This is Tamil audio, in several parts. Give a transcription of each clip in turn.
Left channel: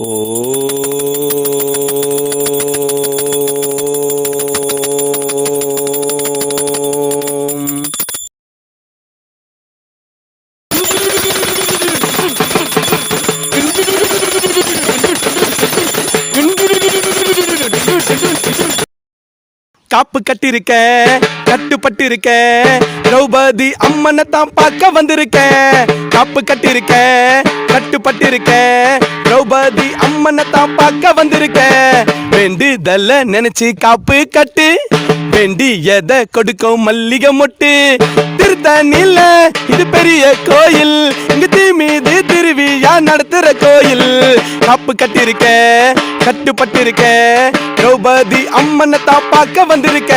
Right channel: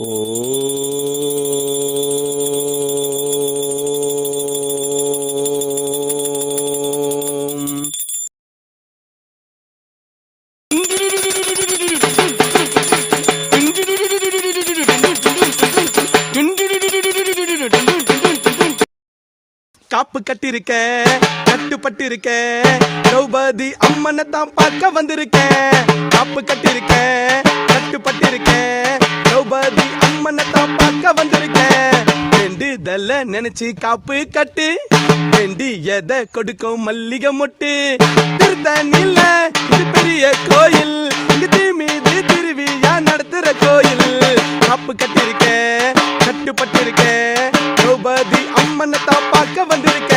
காப்பு கட்டிருக்க கட்டுப்பட்டு இருக்க திரௌபதி அம்மனை தான் பார்க்க வந்திருக்க. காப்பு கட்டிருக்க கட்டுப்பட்டு இருக்க திரௌபதி அம்மனை தான் பார்க்க வந்திருக்க. வேண்டுதல நினைச்சு காப்பு கட்டு, வேண்டியத கொடுக்கும் மல்லிகை மொட்டு. திருத்தணில இது பெரிய கோயில், இங்கு தீ மீது திருவிழா நடத்துற கோயில். காப்பு கட்டிருக்க கட்டுப்பட்டு இருக்க திரௌபதி அம்மனை தான் பார்க்க வந்திருக்க.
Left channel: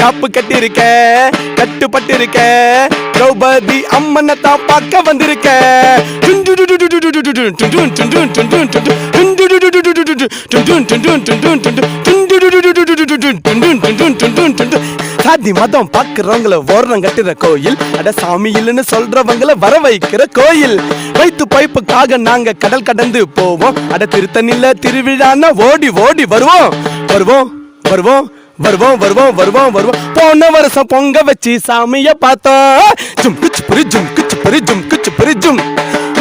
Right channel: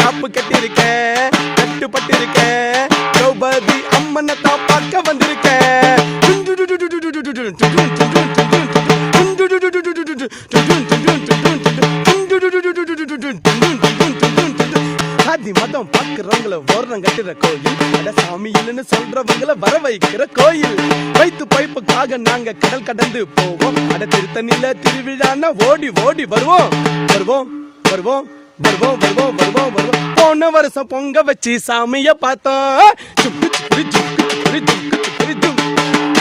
காப்பு கட்டிருக்க கட்டுப்பட்டு இருக்க திரௌபதி அம்மனை தான் பார்க்க வந்திருக்க. சாதி மதம் பாக்குறவங்கள ஓரம் கட்டுற கோயில், அட சாமி இல்லைன்னு சொல்றவங்கள வர வைக்கிற கோயில். வைத்து பைப்புக்காக நாங்க கடல் கடந்து போவோம், அட திருத்தணில திருவிழான்னா ஓடி ஓடி வருவோம் வருவோம் வருவோம் வருவோம் வருவோம் வருவோம் வருவோம். போன வருஷம் பொங்க வச்சு சாமிய பார்த்தோம், ஜும் குச்சு புரி ஜும் குச்சு புரி ஜும் குச்சு புரி ஜும்.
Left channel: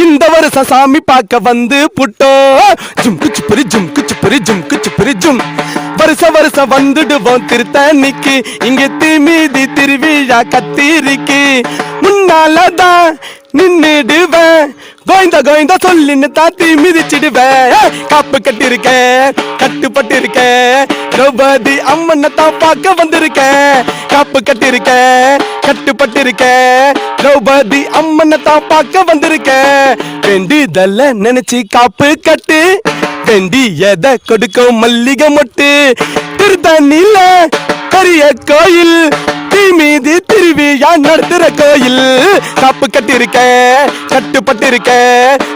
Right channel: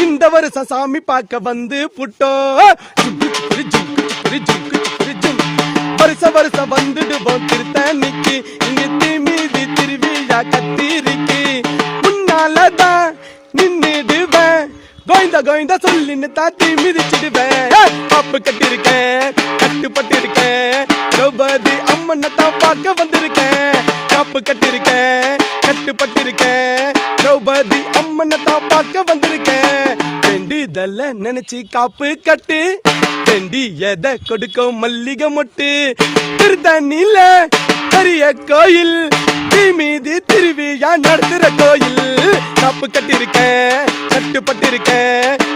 இந்த வருஷம் சாமி பார்க்க வந்து புட்டோம், ஜும் குச்சு புரி ஜும் குச்சு புரி ஜும் குச்சு புரி ஜும். வருஷம் வருஷம் வந்துடுவோம் திருத்தணிக்கு, இங்க தீமீதி திருவிழா கத்திரிக்கு. முன்னாலதான் நின்னுடுவேன், கோயந்தா கோயந்தா சொல்லின்னு தாத்தி மிதிச்சிடுவேன். காப்பு கட்டிருக்க கட்டுப்பட்டு இருக்க திரௌபதி அம்மனை தான் பார்க்க வந்திருக்க. காப்பு கட்டிருக்க கட்டுப்பட்டு இருக்க திரௌபதி அம்மனை தான் பார்க்க வந்திருக்க. வேண்டுதல நினைச்சு காப்பு கட்டு, வேண்டியத கொடுக்கும் மல்லிகை மொட்டு. திருத்தணில பெரிய கோயில், தீ மீது திருவிழா நடத்துற கோயில். காப்பு கட்டிருக்க கட்டுப்பட்டு இருக்க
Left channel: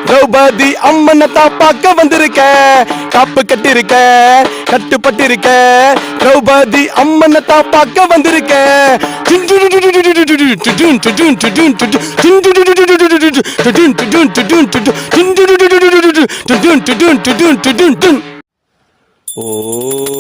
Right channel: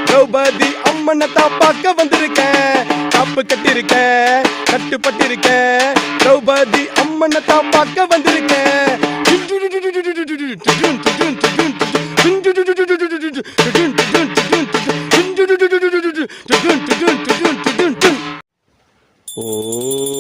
திரௌபதி அம்மனை தான் பார்க்க வந்திருக்க. காப்பு கட்டிருக்க கட்டுப்பட்டு இருக்க திரௌபதி அம்மனை தான் பார்க்க வந்திருக்க. ஓ